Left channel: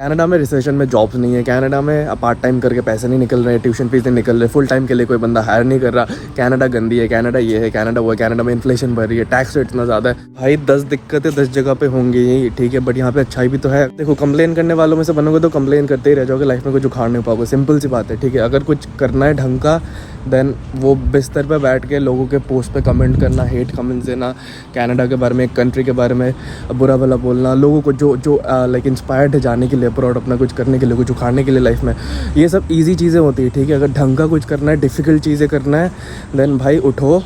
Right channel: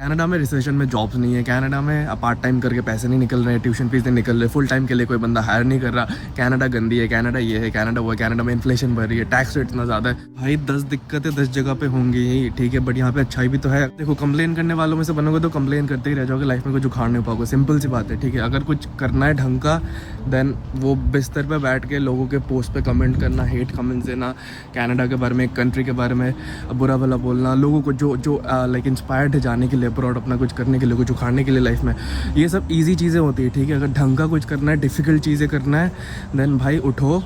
Canada में recession में jobs नहीं है, कनाडा में पार्ट टाइम करके पैसे नहीं निकल रहे, ट्यूशन फीस नहीं निकल रहे, फुल टाइम के लिए कोई बंदा हायर नहीं कर रहा। कनाडा गंदी है, कनाडा ये है, कनाडा वो है, कनाडा में इन्फ्लेशन बढ़ रही है, टैक्स रेट इतना ज़्यादा है। भाई 10 दिक्कतें 10 जगह पे होंगी ही, ठीक है, बट यहाँ पे अच्छाई भी तो है। देखो कंप्लेन करने वालों में से बनोगे तो कंप्लेन करते ही रह जाओगे, लाइफ में कुछ उखाड़ नहीं पाओगे, सिंपल सी बात है, ठीक है। अगर कुछ करना है ढंग का, देन वो बिस्तर पे बैठ के लोगों के पोस्ट पे कमेंट करना, हेट कमेंट्स देना, कनाडा के बारे में, एक कंट्री के बारे में बुरा भला बोलना, लोगों को जो लाइक इंस्पायर्ड है जाने के लिए अब्रॉड, अपना कुछ करने के लिए, कुछ उखाड़ने के लिए लाइफ में, ये सब इजी चीज़ें होती है, ठीक है। अगर ढंग का कुछ करना है, डिफ़िकल्ट चीज़ें करना है, देन भाई उठो,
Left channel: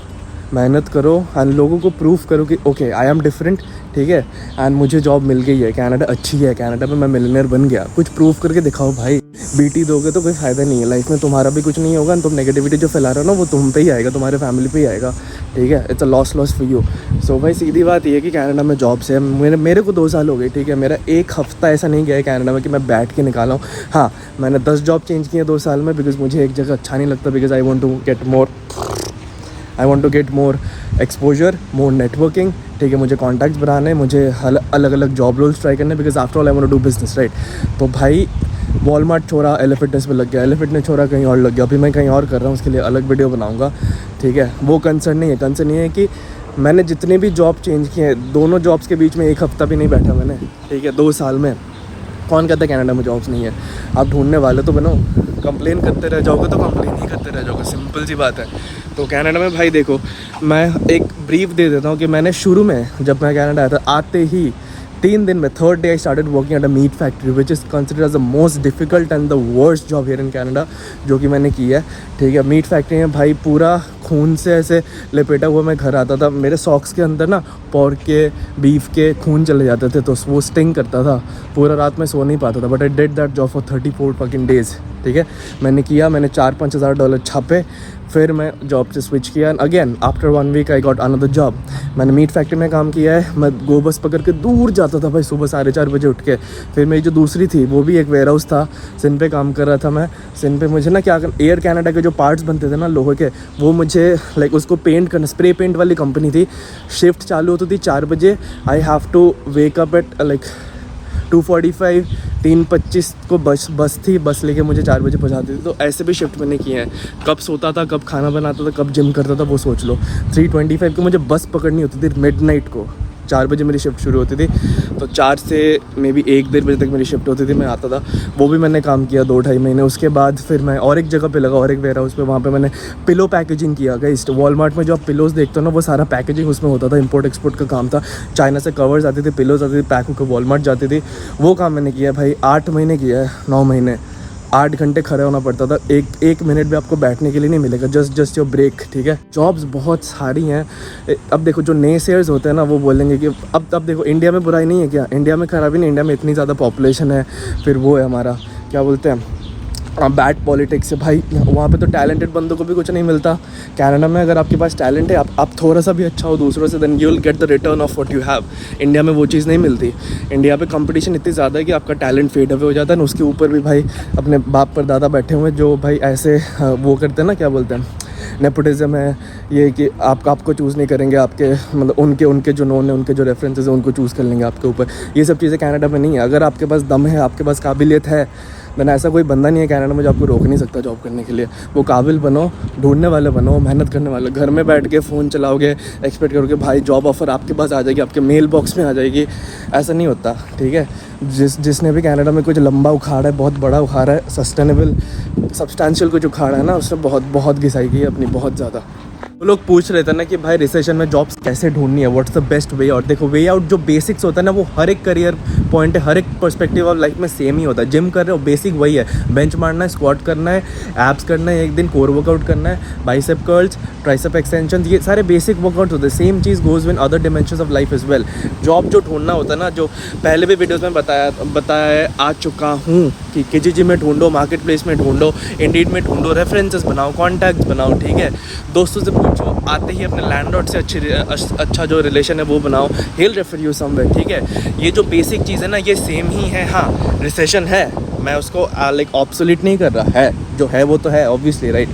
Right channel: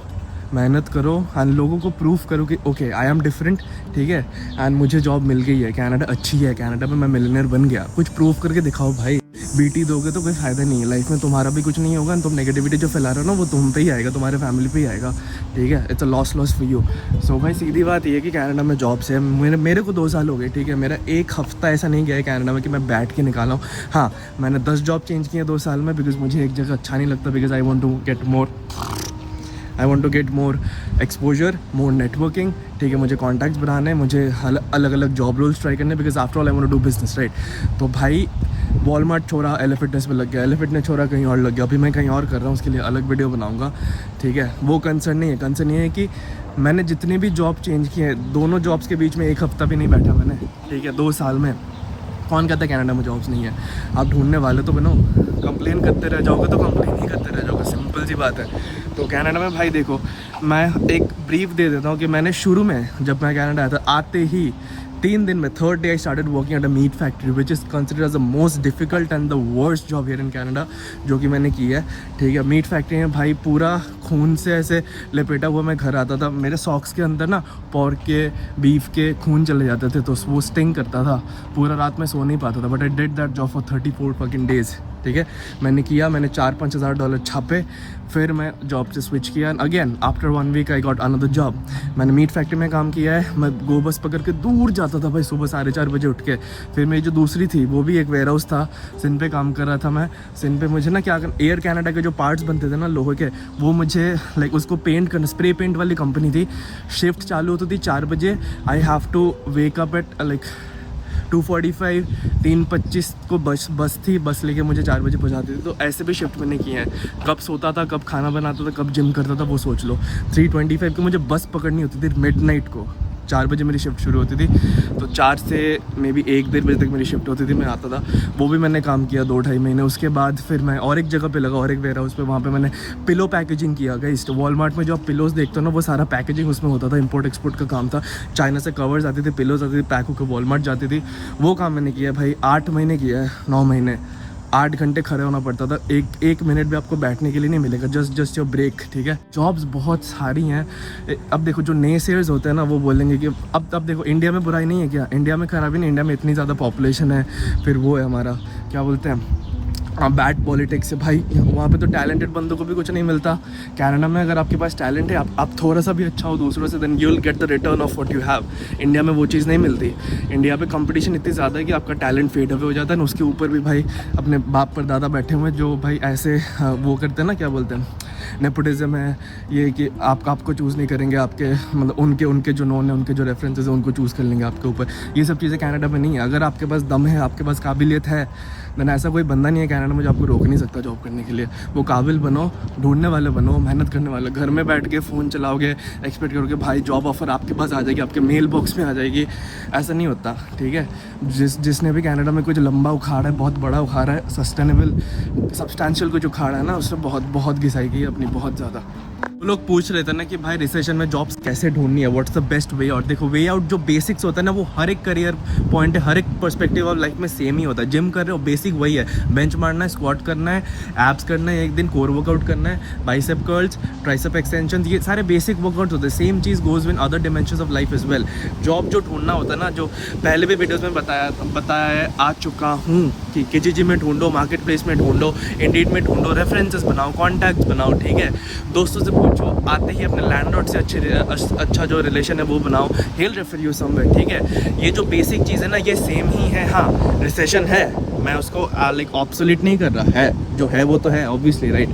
मेहनत करो एंड लोगों को प्रूफ करो कि ओके आई एम डिफरेंट, ठीक है, एंड मुझे जॉब मिल गई है, कनाडा अच्छी है, कनाडा में मैं मिलियनेयर बन गया। कुछ प्रूफ करके दिखाओ भाई। बीटी दोगे तो कोई फ़ायदा नहीं है लाइफ में, तुम्हारा भी कुछ नहीं होगा, तुम नेगेटिविटी जो फैला रहे हो ना वो तुम पे ही आएगा, तुम्हारे फैमिली पे ही आएगा, ठीक है। It's a loss for you. So भाई सीधी बात ये है कि कनाडा में जॉब से मेरे को 2 साल हो गए, ठीक है। मेरा एक हफ्ता ऐसा नहीं गया है कनाडा में कि मैं बैठ के निकाला हूँ। हाँ, मैंने 10 जॉब चेंज की है 2 साल में, बिकॉज मुझे एक जगह अच्छा नहीं लगता, because I want to get more exposure, more networking, ठीक है। मुझे कॉन्टैक्ट्स बढ़ाने, मुझे अलग अलग जॉब रोल्स ट्राई करने, because after all I want to do business, right. तो भाई वॉलमार्ट छोड़ा, एले फिटनेस पे लग गया, एले फिटनेस छोड़ा कहीं और लग गया, अभी मैं कहीं और कर रहा हूँ, उसके लिए अलग वीडियो बनाऊँगा, ठीक है। वो कंसर्न नहीं है, कंसर्न ये है कि मैंने जितने भी जॉब चेंज किए हैं, दोनों जॉब्स के बीच में एक हफ्ता भी नहीं बैठा मैंने, ठीक है, 2 साल में। कौन कहता है कनाडा में जॉब्स नहीं है? आप ढूंढने वाले तो बनो, कंप्लेन करते रह जाओगे तो कंप्लेन ही करते रह जाओगे, सिंपल सी बात है। तो कनाडा में भाई देखो, मैं एक ब्रीफ दे देता हूँ कि मैंने शुरू में जब मैं कनाडा आया था, आते ही 3 दिन में, 3rd day I started working at a meat factory, which is considered as the most difficult and the worst job here in Canada, जो कि मैंने की है, ठीक है। मीट फैक्ट्री में भाई पूरा खून से ऐसे लपेटा हुआ मैं घर आता था, मेरे सॉक्स के अंदर ना पोर्क के, बीफ के खून चले जाते थे, तो वो स्टिंग करता था, पूरा रात में सो नहीं पाता था, but I did that job for 34 fucking days, ठीक है। मैंने किया, मैंने $4-5 हज़ार डॉलर छापे, फिर मैं जॉब से स्विच किया, again after 1 week I got another job. मैंने मीट फैक्ट्री में काम किया है, मैं गो बस पकड़ के दूर जाता था भाई, सुबह 4:30 बजे उठ के। फिर मेरी जो दूसरी थी वो भी एक वेयर हाउस था, सिन पे काम कर रहा था मैं। सिन पे मुझे ना क्या, एयर कनाडा के जो पार्ट्स बनते थे ना लोहे के, वो मुझे लाइक उसको पेंट करना, स्प्रे पेंट वाली कंपनी थी। शिफ्ट चालू होती थी 4 बजे, I have to wake up at like 2:45, 3:25 को बस थी, बस लेके मुझे 4 बजे पहुंचाती थी। तो ऐसे भी शिफ्ट मैंने किए हैं, कब सोता था, कब खाना बनाता था, कब जिम करता था, वो सोच लो। 3:25 को मुझे बस पकड़नी होती थी मिडनाइट को, 4 बजे मेरी शिफ्ट शुरू होती थी, तो 4 से मे बी 1-1:30 बजे तक मेरी शिफ्ट होती थी, मैं आता था। वो भी मैंने काम किया 2-2.5 महीने। उसके बाद फिर मैं और एक जगह पे लगा, और एक वेयर हाउस पे, वहाँ पे मैंने पिलो पैकेजिंग किया। गाइस, वॉलमार्ट में जो आप पिलोज देखते हो ना, वो सारा पैकेजिंग उसमें होता था, इंपोर्ट एक्सपोर्ट का काम था। चाइना से कवर्स आती थी, पिलोज आती थी, पैक होकर वॉलमार्ट जाती थी, वो काम मैंने किया भाई। 8 महीने किया है, 9 महीने, 8 घंटे खड़े होना पड़ता था, एक मिनट भी आपको बैठने के लिए नहीं मिलेगा, जस्ट योर ब्रेक, ठीक है। जॉब्स बहुत सारी हैं। अब देखो जो नए शेयर्स होते हैं ना, वो बोलेंगे कि अब देखो इंडिया में बुराई नहीं है क्या, इंडिया में खराबी नहीं, इंडिया में इतनी ज़्यादा पॉपुलेशन है, फिर वो है हमारा क्या बोलते हैं, बैड पॉलिटिक्स है भाई। वहाँ पे तो टैलेंटेड बंदों को भी कुछ नहीं मिलता। कनाडा में अगर आपके पास टैलेंट है, आप थोड़ा सा भी अच्छा हो दूसरों से, then you will get the return of what you have. India में वो चीज़ नहीं मिलती। इंडिया पे कंपटीशन इतनी ज़्यादा है कि आपका टैलेंट फेड अवे हो जाता है ना, उसके ऊपर भी भाई अपने बाप पर दादा बैठे हुए जो भाई ऐसे वो करते हैं ना, क्या बोलते हैं, नेपोटिज्म है ये, कि आपको चूज़ नहीं करेंगे, आपके मतलब उनके जो नोन है, उनके जो रेफरेंसेस हैं, उनको चूज़ कर लेंगे आपके ऊपर। ये सब चीज़ें कनाडा में नहीं है। अगर आपके पास दम है, आपके पास काबिलियत है, मैंने ऐसा कोई बंदा नहीं है कनाडा में जो आपको रोक नहीं सकता जॉब करने के लिए। वो काबिल बनो, ढूंढने वाले बनो, मेहनत करने वाले। घर में बैठ के फ़ोन चलाओगे, एक्सपेक्ट करोगे भाई जॉब ऑफ़र आपके पास आ जाएगी, आपके मेल बॉक्स में आ जाएगी, ऐसा नहीं होता, ठीक है। जिसने भी कनाडा में कुछ लंबा उखाड़ा है, बहुत बड़ा उखाड़ा है, सस्टेनेबल सब्सटेंशियल कुछ उखाड़ा है ना, उसने बहुत घिसाई की है अपनी, बहुत ज़्यादा। वो लोग पूछ रहे थे ना कि भाई रिसेशन में जॉब्स कैसे ढूंढनी है, what's the best way out. देखो वे आउट जो बेसिक्स होता है ना, वो हर एक करियर पॉइंट है, हर एक पर्सपेक्टिव ऑफ लाइफ में सेम ही होता है। जिम कर रहे हो, बेसिक वही है, बेंच मारना है, स्क्वाट करना है, एब्स करना है, एक दिन कोर वर्कआउट करना है, बाइसेप कर्ल्स, ट्राइसेप एक्सटेंशन, ये सारे बेसिक वर्कआउट होते हैं। Same cheese goes win other dimensions of life is well. Job जो ढूंढना होता है ना, जो पहले भी वीडियोज़ में बताया आ चुका हूँ कि KGG में ढूंढो, मार्केट प्लेस में ढूंढो, इंडीड में ढूंढो, रेफरेंसेस बनाओ, कॉन्टैक्ट्स बनाओ, ठीक है। दोस्तों से पूछो, आते ही अपने लैंडलॉर्ड से अच्छा जो रिलेशन है वो बनाओ, he'll refer you somewhere, ठीक है। ये जो बेसिक चीज़ है ना, ये सेम ही है। हाँ, रिसेशन है, मैं उसको लाइक ऑब्सोलीट नहीं कर रहा है, जो है वो तो है ऑब्वियसली राइट,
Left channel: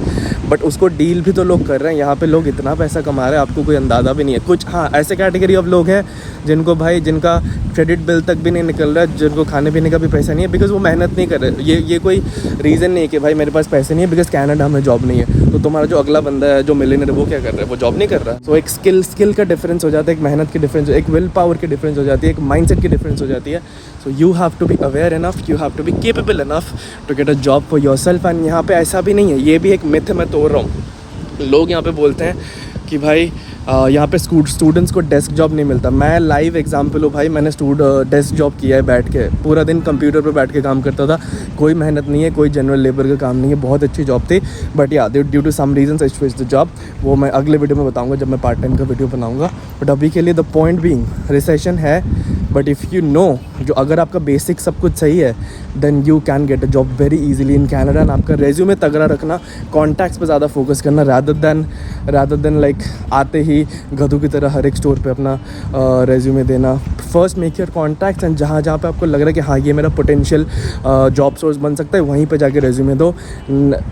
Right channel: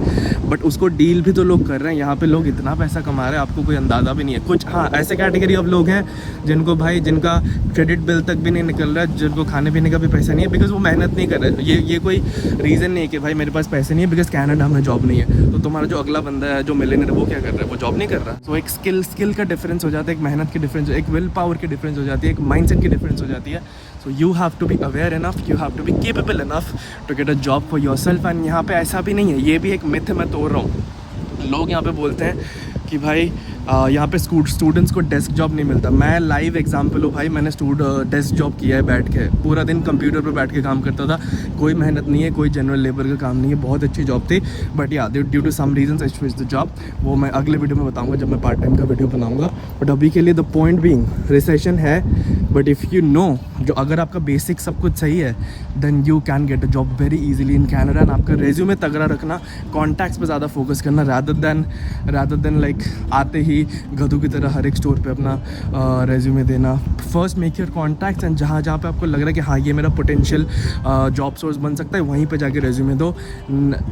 बट उसको डील भी तो लोग कर रहे हैं। यहाँ पे लोग इतना पैसा कमा रहे हैं, आपको कोई अंदाज़ा भी नहीं है। कुछ हाँ ऐसे कैटेगरी ऑफ लोग हैं जिनको भाई जिनका क्रेडिट बिल तक भी नहीं निकल रहा है, जिनको खाने पीने का भी पैसा नहीं है, बिकॉज वो मेहनत नहीं कर रहे। ये कोई रीज़न नहीं है कि भाई मेरे पास पैसे नहीं है बिकॉज कनाडा में जॉब नहीं है। तो तुम्हारा जो अगला बंदा है जो मिलियनेयर वो क्या कर रहा है, वो जॉब नहीं कर रहा। तो एक स्किल का डिफरेंस हो जाता है, एक मेहनत की डिफरेंस, एक विल पावर की डिफरेंस हो जाती है, एक माइंडसेट की डिफरेंस हो जाती है। So you have to be aware enough, you have to be capable enough to get a job for yourself। and यहाँ पे ऐसा भी नहीं है, ये भी एक मिथ है, मैं तोड़ रहा हूँ। लोग यहाँ पे बोलते हैं कि भाई यहाँ पे स्टूडेंट्स को डेस्क जॉब नहीं मिलता। मैं लाइव एग्जांपल हूँ भाई, मैंने डेस्क जॉब किया है, बैठ के पूरा दिन कंप्यूटर पे बैठ के काम करता था। कोई मेहनत नहीं है, कोई जनरल लेबर का काम नहीं है, बहुत अच्छी जॉब थी। But yeah due to some reasons I switch the job. वो मैं अगले वीडियो में बताऊँगा जब मैं पार्ट टाइम का वीडियो बनाऊँगा। बट अभी के लिए द पॉइंट बीइंग रिसेशन है, बट इफ़ यू नो जो अगर आपका बेसिक सब कुछ सही है then you can get a job very easily in Canada. And आपका रेज्यूमे तगड़ा रखना, कॉन्टैक्ट्स पे ज़्यादा फोकस करना रादर देन लाइक आते ही गधों की तरह हर एक स्टोर पे अपना रेज्यूमे देना। First make your contacts and जहाँ जहाँ पे आपको लग रहा है कि हाँ ये मेरा पोटेंशियल जॉब सोर्स बन सकता है, वहीं पे जाके रेज्यूमे दो।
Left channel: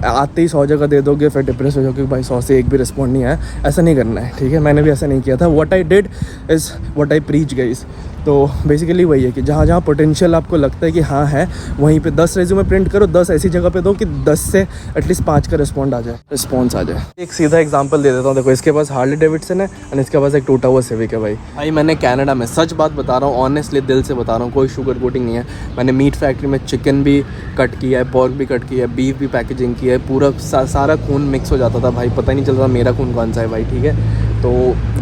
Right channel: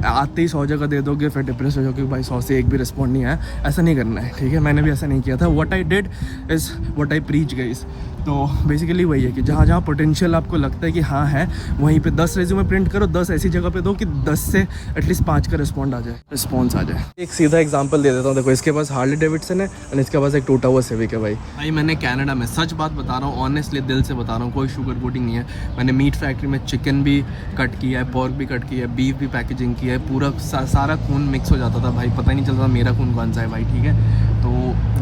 आते ही 100 जगह दे दोगे फिर डिप्रेस हो जाओगे भाई 100 से एक भी रिस्पॉन्ड नहीं आया। ऐसा नहीं करना है, ठीक है। मैंने भी ऐसा नहीं किया था। What I did is what I preach guys. तो बेसिकली वही है कि जहाँ जहाँ पोटेंशियल आपको लगता है कि हाँ है, वहीं पे 10 रेज्यूमे प्रिंट करो, 10 ऐसी जगह पे दो कि 10 से एटलीस्ट 5 का रिस्पॉन्स आ जाए। एक सीधा एग्जांपल दे देता हूँ, देखो इसके पास हार्ले डेविडसन है और इसके पास एक टूटा हुआ सिविक है। भाई मैंने कनाडा में सच बात बता रहा हूँ, ऑनेस्टली दिल से बता रहा हूँ, कोई शुगर कोटिंग नहीं है। मैंने मीट फैक्ट्री में चिकन भी कट किया है, पोर्क भी कट किया है, बीफ भी पैकेजिंग किया है, पूरा सारा खून मिक्स हो जाता था भाई, पता ही नहीं चलता मेरा खून कौन सा है भाई, ठीक है। तो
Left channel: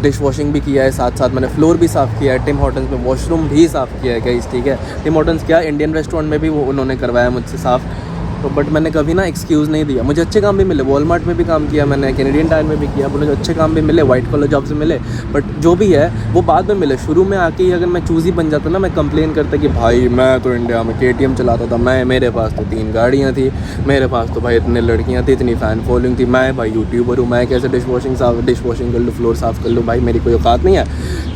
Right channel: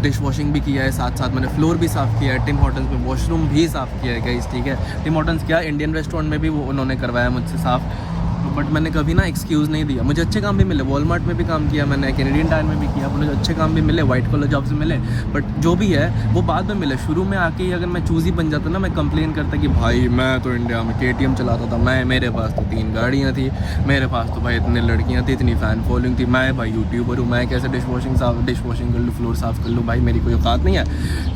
डिश वॉशिंग भी किया है, साथ साथ मैंने फ्लोर भी साफ़ किया है, टिम हॉर्टन्स में वॉशरूम भी साफ़ किया है गाइस, ठीक है। टिम हॉर्टन्स क्या, इंडियन रेस्टोरेंट में भी वो उन्होंने करवाया मुझसे साफ़। तो बट मैंने कभी ना एक्सक्यूज़ नहीं दिया। मुझे अच्छे काम भी मिले, वॉलमार्ट में भी काम किया मैंने, कैनेडियन टायर में भी किया, मुझे अच्छे काम भी मिले, वाइट कॉलर जॉब से मिले। बट जो भी है वो बाद में मिले। शुरू में आके ही अगर मैं चूज़ी बन जाता ना, मैं कंप्लेन करता कि भाई मैं तो इंडिया में KTM चलाता था, मेरे पास तो 3 गाड़ियाँ थी, मेरे पास तो भाई इतने लड़कियाँ थी, इतनी फ़ैन फॉलोइंग थी, मैं भाई यूट्यूबर हूँ, मैं कैसे डिश वॉशिंग कर लूँ, फ्लोर साफ़ कर लूँ, भाई मेरी कोई औकात नहीं है।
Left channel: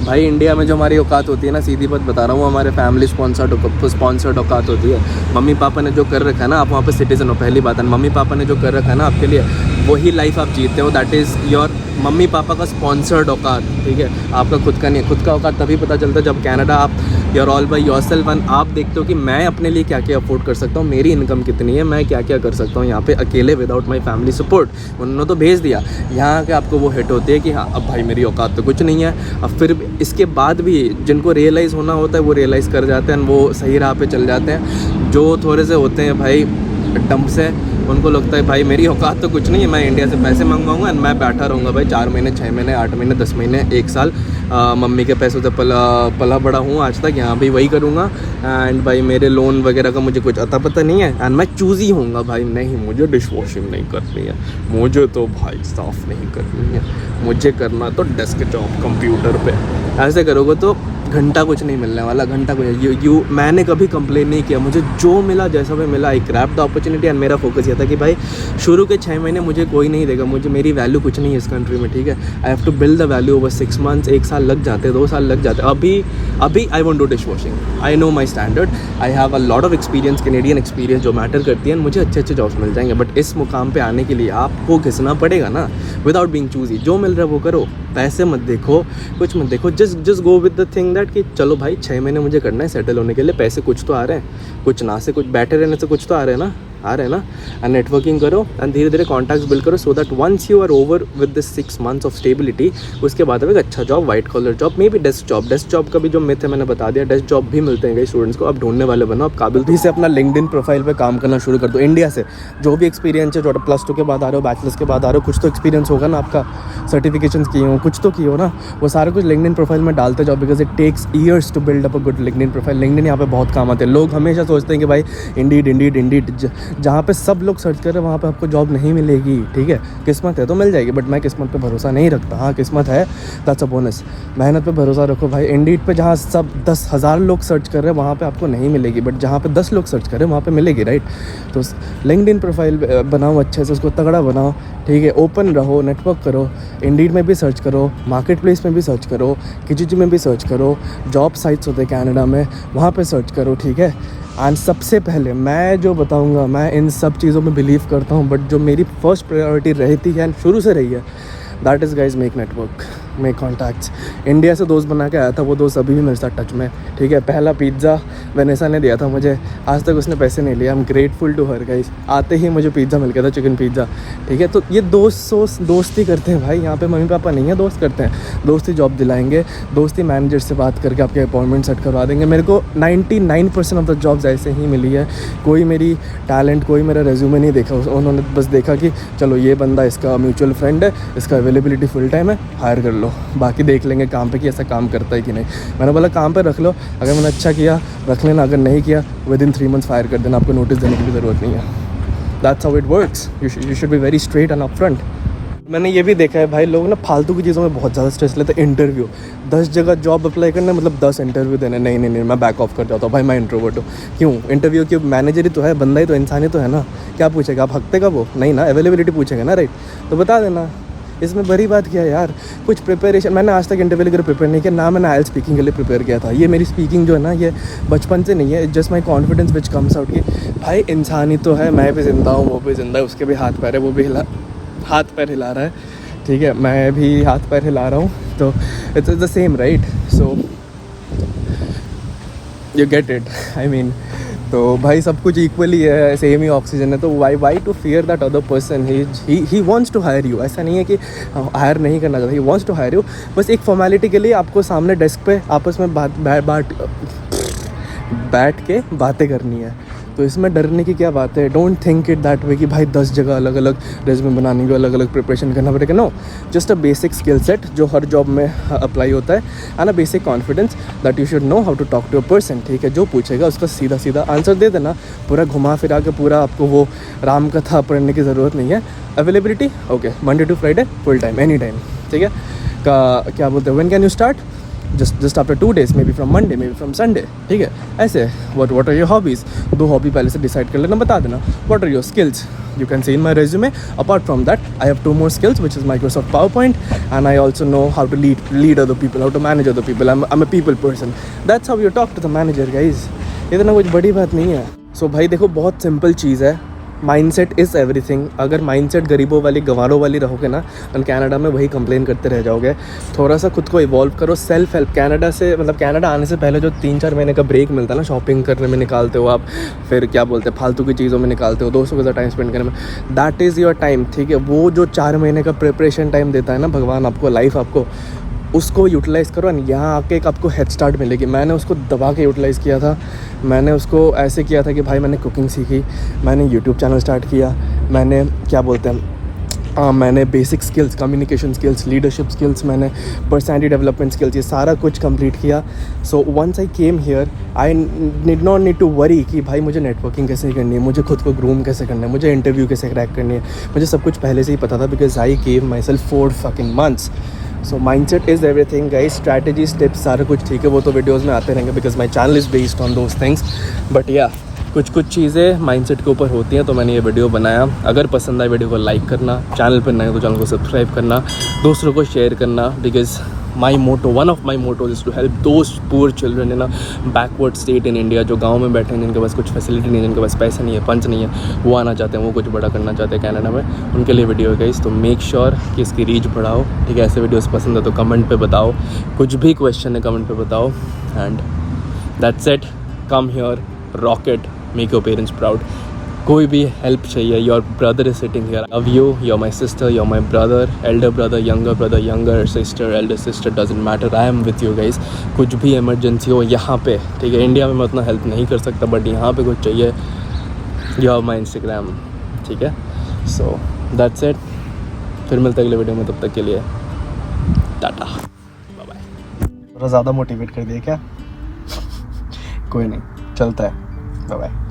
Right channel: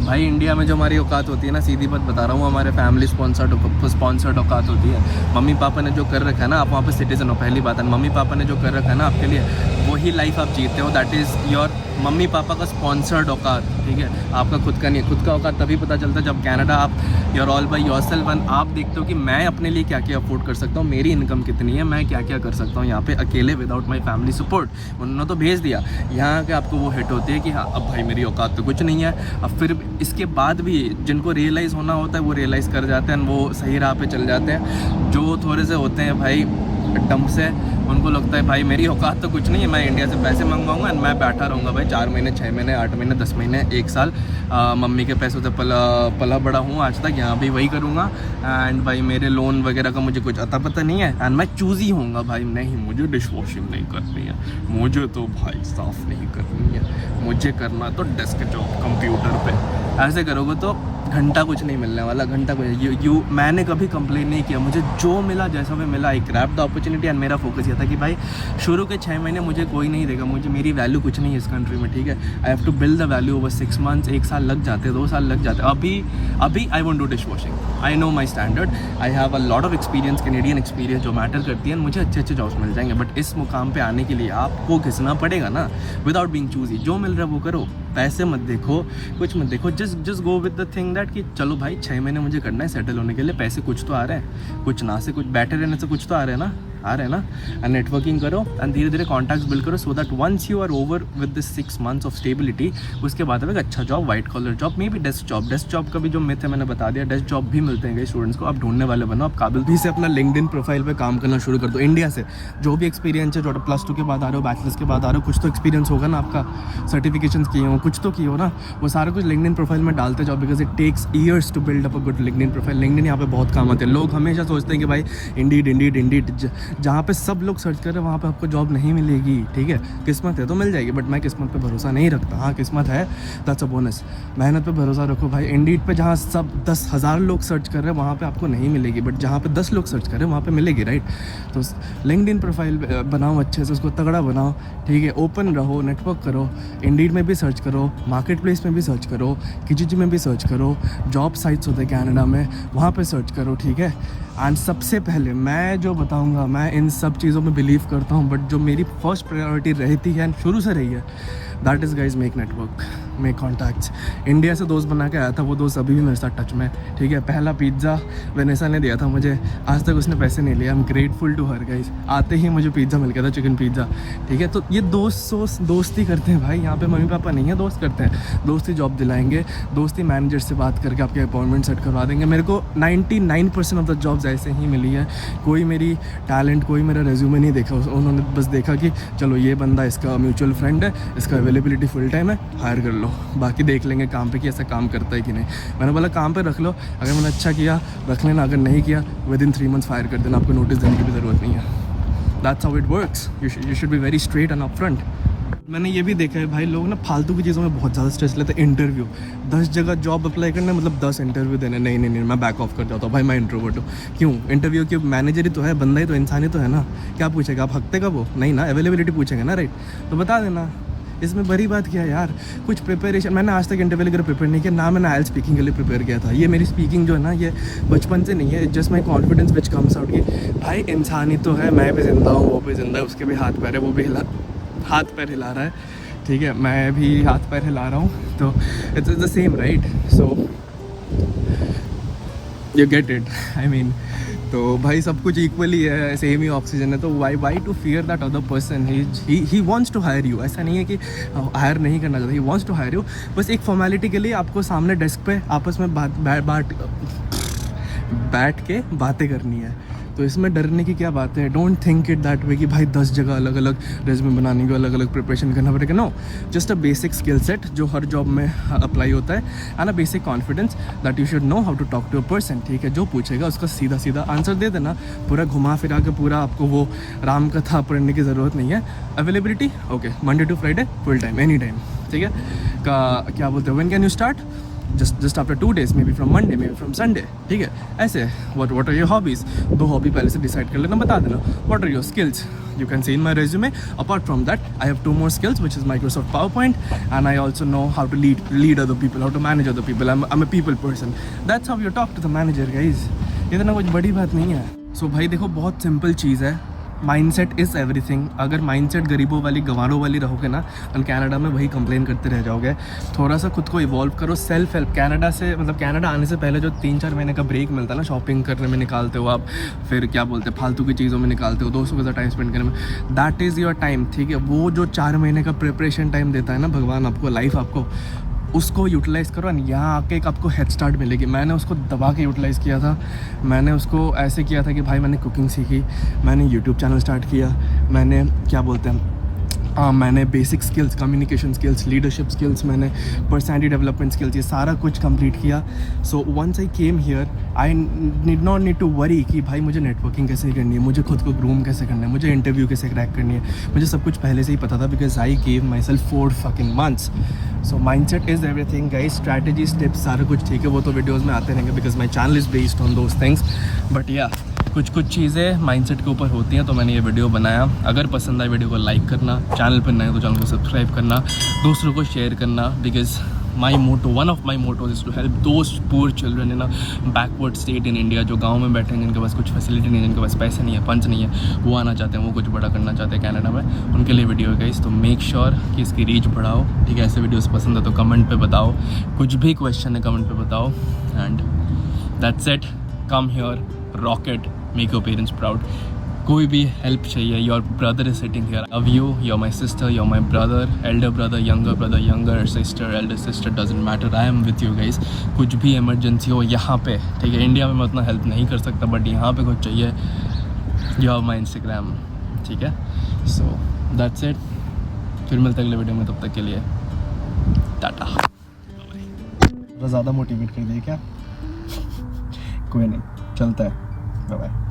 भाई इंडिया में जो हमारी औकात होती है ना, सीधी बात बता रहा हूँ, हमारे फैमिली स्पॉन्सर्ड औकात होती है। मम्मी पापा ने जो कर रखा है ना, आप वहाँ पर सिटीजन हो, पहली बात है। मम्मी पापा ने जो कर रखा है ना आपके लिए, वही लाइफ आप जीते हो। That is your mummy papa का स्पॉन्सर्ड औकात, ठीक है। आपका खुद का नहीं है। खुद का औकात तभी पता चलता है जब कनाडा आप your all by yourself and आप देखते हो कि मैं अपने लिए क्या क्या अफोर्ड कर सकता हूँ, मेरी इनकम कितनी है, मैं क्या क्या कर सकता हूँ यहाँ पे अकेले विदाउट माई फैमिली सपोर्ट। उन्होंने तो भेज दिया, यहाँ के आपको वो हिट होती है कि हाँ अब भाई मेरी औकात तो कुछ नहीं है। अब फिर इसके बाद भी जिनको रियलाइज़ होना होता है वो रियलाइज़ कर जाते हैं, वो सही राह पे चल जाते हैं। जो थोड़े से होते हैं भाई डम्प से, उनको लगता है भाई मेरी औकात तो कुछ नहीं है, मैं इंडिया से पैसे मंगवाऊंगा एंड मैं बैठा रहूँगा भाई 4 महीने 6 महीने 8 महीने 10 महीने 1 साल, मम्मी के पैसों से पला बड़ा हूँ आज तक, यहाँ भी वही करूँगा। एंड भाई मेरे लोन वगैरह का मुझे कुछ अता पता नहीं है एंड मैं चूज़ी होऊंगा भाई, नहीं मुझे डिश वॉशिंग नहीं करनी है, मुझे तो भाई साफ़ नहीं करनी है, मुझे करना तो डेस्क जॉब कंप्यूटर पे। ऐसे करोगे तो घंटा कुछ नहीं मिलने वाला, घंटा कुछ मैंने कभी कंप्लेन नहीं किया, मुझे जो मिला जैसा भी मिला आई ग्रैब द अपॉर्चुनिटी। एंड मेरा फोकस ये था कि भाई शुरू के 6 महीने मुझे कोई नहीं देगा, मुझे मेरी वैल्यू कुछ नहीं है इस कंट्री में, ठीक है। I have to build the value over 6 months, 1 साल लग जाते हैं, 2 साल लग जाते हैं। अभी I want do dish washing, I know my standard, I have a lot of experience, Canadian experience जो मैटर करती है, मुझे अच्छे अच्छे जॉब्स मिल जाएंगे। बट इस मुकाम पे आने के लिए आपको घिसना पड़ेगा ना, विदाउट बीइंग चूजी। जो मिल रहा है वो करो, पैसे मत देखो, कुछ मत देखो, just go with the thing that कि चलो भाई 6 महीने मुझे करना है सेटल होने के लिए, पैसे कुछ तो आ रहे हैं, कुछ ना से कुछ बैठे रहने से कुछ तो आ रहे हैं ना। एंड नेटवर्किंग करो एंड धीरे धीरे कॉन्टैक्ट्स बिल्ड करो, so that once you are over with this 6 months of stability, उसके बाद अब एक अच्छा job, white collar job, maybe desk job का भी जो मिथ है मैंने बता दिया, डेस्क जॉब भी मिलते हैं कई स्टूडेंट्स को। आप ढूंढने वाले बनो, आप काबिल भी से अपना लिंक्डइन प्रोफाइल पे काम करना शुरू कर दो। इंडिया से जो भी एक्सपीरियंस है, जो +2 के बाद आ रहे हो, बैचलर्स के बाद आ रहे हो, कुछ तो एक्सपीरियंस होगा ना आपका, सर्टिफिकेशन किए हो, कुछ तो किए हो ना, वो सारा कुछ लिंक्डइन प्रोफाइल में डालते जाओ, because it takes years to build up a good LinkedIn profile. LinkedIn यहाँ पे बहुत काम आते हैं। लोग हमेशा सोचते हैं कि भाई इंडीड जहाँ पे सब लोग सर्च कर रहे हैं वहाँ पे आपको जॉब नहीं मिलेगी, ठीक है। किस्मत है तो मिल जाएगी, बट मैं किस्मत पे भरोसा नहीं रखता। हाँ किस्मत है, दैट्स अ बोनस, मेहनत पे भरोसा रखो भाई। इंडीड पे जहाँ सब 10,000 लोग सर्च कर रहे हैं वहाँ पे आपको नहीं मिलेगी, बट जहाँ पे 10 लोग सर्च कर रहे हैं वहाँ पे मिलेगी, राइट। तो लिंक्डइन प्रोफाइल बनाओ अच्छे से, उसको तगड़ा बनाओ, ठीक है। ओपन रहो, नेटवर्क करो, इंडीड में भी सर्च करो, मार्केट प्लेस में भी सर्च करो, किजीजी में भी सर्च करो, जॉब साइट्स होते हैं कनाडा में, वहाँ पे सर्च करो, ठीक है। एंड सबसे पहले मैं जो बताऊंगा, मैं इन सब चीज़ों में बिलीव करता हूँ, बट जो मेरी फर्स्ट प्रायोरिटी रहती है एंड शुरू से रही है, that is guys make network, make contacts. India से दोस्त बना के आया था, वो दोस्त अभी भी मेरे साथ टच में, ठीक है। पहला पिज़्ज़ा वेनेसा ने दिया था मुझे, आज तक उसने पैसे नहीं लिए। I am grateful to her guys. आते ही मुझे पिज़्ज़ा मिल गया था, चिकन पिज़्ज़ा, ठीक है। तो ये दोस्ती करते हैं भाई, यहाँ पे मम्मी पापा नहीं है, दोस्त करते हैं। दोस्ती जॉब दिलाएंगे, दोस्ती मैनेजर से बात करके आपके अपॉइंटमेंट सेट करवा देंगे। मेरे को 99% ऑफ द जॉब्स ऐसे ही मिली है। कोई मेरी टैलेंट, कोई मेरा रेज्यूमे नहीं देखा, उन्होंने बस देखा कि चलो ये बंदा, इसका म्यूचुअल फ्रेंड है, इसका अवेलेबिलिटी फुल टाइम है, हायर कर लो, बाकी देख लेंगे काम पे कि ऐसा काम करता है कि नहीं। मैंने बोला काम पे रख लो, अगर मैंने अच्छा किया रख लेना, अगर नहीं किया विदिन 3 मंथ्स फायर कर देना, आपको नोटिस देने की भी ज़रूरत नहीं है। That's how it works. You should be very straight and upfront. मैंने ये भी देखा है भाई, लोग ना फालतू की चीज़ों में बहुत ज़्यादा स्ट्रेस लेते हैं। इंटरव्यू, 10 जगह जॉब अप्लाई करना मतलब 10 इंटरव्यू देने, नहीं मैं बैक ऑफ कर जाता हूँ भाई, मैं इंट्रोवर्ट हूँ। क्यों? इंटरव्यू की मैनेजर ही तो है, बंदा ही तो, इंसान ही तो है ना। क्या पूछेगा? आप हफ्ते का वो नहीं ना, अवेलेबिलिटी पूछेगा ना, राइट? तो बता देना, इसमें बड़ी बात क्या है यार। कुछ प्रिपरेशन, मैंने आज तक इंटरव्यू के लिए प्रिपेयर नहीं किया ना, मैंने आइएलटीएस स्पीकिंग के लिए प्रिपेयर किया था। ये मेरी स्पीकिंग जो है ना, ये बचपन से नहीं है, it's just my confidence which comes out कि भाई इंसान ही तो है, मैं भी जिंदा हूँ, वो भी जिंदा है, उसके भी हाथ पैर है, वो भी हाथ पैर हिला रहा है, ठीक है, मैं भी हाथ पैर हिला रहा हूँ, तो it's the same, right? So you get it, I mean. तो भाई सब कुछ इक्वली है, सेम ही ऑक्सीजन है, तो why to fear that other person. He wants to hire you. ऐसा नहीं है कि हायर नहीं करना चाहता, he wants to hire you. बस एक फॉर्मेलिटी के लिए आपको सामने डेस्क पे आपस में बैठ के बातें करनी है। तो इसमें डरने की क्या बात है? Don't think it that way कि भाई 10 जगह अलग अलग रेज्यूमे बनाने की अलग अलग प्रिपरेशन करना पड़ेगा। No, just a basic skill set जो हर जॉब में अप्लाई होता है, and a basic confidence that you should know how to talk to a person, ठीक है। जो पूछेगा उसका सीधा सीधा आंसर दे देना, पूरा घुमा फिरा के पूरा आपको वो राम कथा पढ़ने की ज़रूरत नहीं है। Availability okay, Monday to Friday full time, any time, ठीक है। क्या बोलते हैं, when can you start? Just after 2 days, maybe from Monday, maybe from Sunday, ठीक है। ऐसे what are your hobbies, 2 hobby पहले से डिसाइड कर लेना, बता देना। What are your skills, you can see in my resume. Apart from that I have 2 more skills, which is Microsoft PowerPoint, and I also know how to lead other people, how to manage other people. I'm a people person. That's how you talk to the manager, guys. इतना कुछ बड़ी बात नहीं है। सो भाई देखो, बहुत simple चीज़ है, माइंडसेट इज़ एवरीथिंग। अगर माइंडसेट गरीबों वाली, गंवारों वाली रहोगे ना, तो कनाडा में वही कंप्लेन करते रह जाओगे। थोड़ा सा खुद को इवॉल्व करो, सेल्फ हेल्प। कनाडा से मतलब कनाडा आने से पहले जो 3-4 महीने का ब्रेक मिलता है ना, शॉपिंग करने में निकालते हो आप, फिर क्या बोलते हैं, फालतू की चीज़ों में निकालते हो, दोस्तों के साथ टाइम स्पेंड करने में, दैट इज़ योर टाइम, ठीक है। वो जो 4 महीने का प्रिपरेशन टाइम देता है ना भगवान आपको, लाइफ आपको, उसको यूटिलाइज़ करो, एंड यहाँ आके एक आपको हेड स्टार्ट मिलेगी। मैंने उसको दबा के यूटिलाइज़ किया था। मैंने उसको ऐसे किया था कि भाई मैंने कुकिंग सीखी, मैंने यूट्यूब चैनल स्टार्ट किया, मैंने क्या बोलते हैं, मैंने basic skills, communication skills, leadership skills, मैंने पर्सनैलिटी डेवलपमेंट स्किल्स, ये सारा कुछ कंप्लीट किया। So once I came here, I did not need to worry कि भाई मुझे नेटवर्किंग कैसे करनी है, मुझे खुद को ग्रूम कैसे करना है, मुझे इंटरव्यू कैसे क्रैक करनी है। मुझे सब कुछ पहले से ही पता था, because I gave my self 4 fucking months. So mindset is everything guys, strategies, tips, सारा कुछ ठीक है, वो तो वीडियोज़ में आते रहेंगे, because my channel is based on those things. But या कुछ चीज़ें माइंडसेट के ऊपर होती हैं, तो मैंने ये वीडियो बनाया। अगर पसंद आए वीडियो को लाइक करना, चैनल पर नए तो चैनल को सब्सक्राइब करना, दूसरों को शेयर करना, because one of my mottos is to help those poor children in a backward state in India, जो गांव में बैठे हैं, जिनके पास कुछ फैसिलिटी नहीं है, जिनके पास पैसे नहीं है, पंच नहीं है, वो आना चाहते हैं, वो कुछ बड़ा करना चाहते हैं कनाडा में, उनके लिए वीडियो है गाइस। तो मेक श्योर कि इसकी रीच बढ़ाओ, ठीक है। ऐसे वीडियोस पसंद है तो कमेंट पे बताओ, कुछ भी क्वेश्चन है कमेंट पे बताओ, and that's it. Come here, rock it, make your parents proud. कोई भी हेल्प चाहिए, your brother is sitting here, love you, your my sister, your my brother, Elder brother, younger sister, Elder sister, doesn't matter, I am with you guys. कुछ भी emergency हो यहाँ पे, ठीक है। इंडिया में मैं उतना हेल्प नहीं कर सकता, बट यहाँ पे कुछ चाहिए, यू हैव माई इंस्टाग्राम, ठीक है। सो दैट्स इट, फिर मिलते अगले वीडियो में, तब तक के लिए टाटा, बाय बाय। थोड़ा ज़्यादा मोटिवेट कर दिया क्या? कोई नहीं, चलता है, बाय बाय।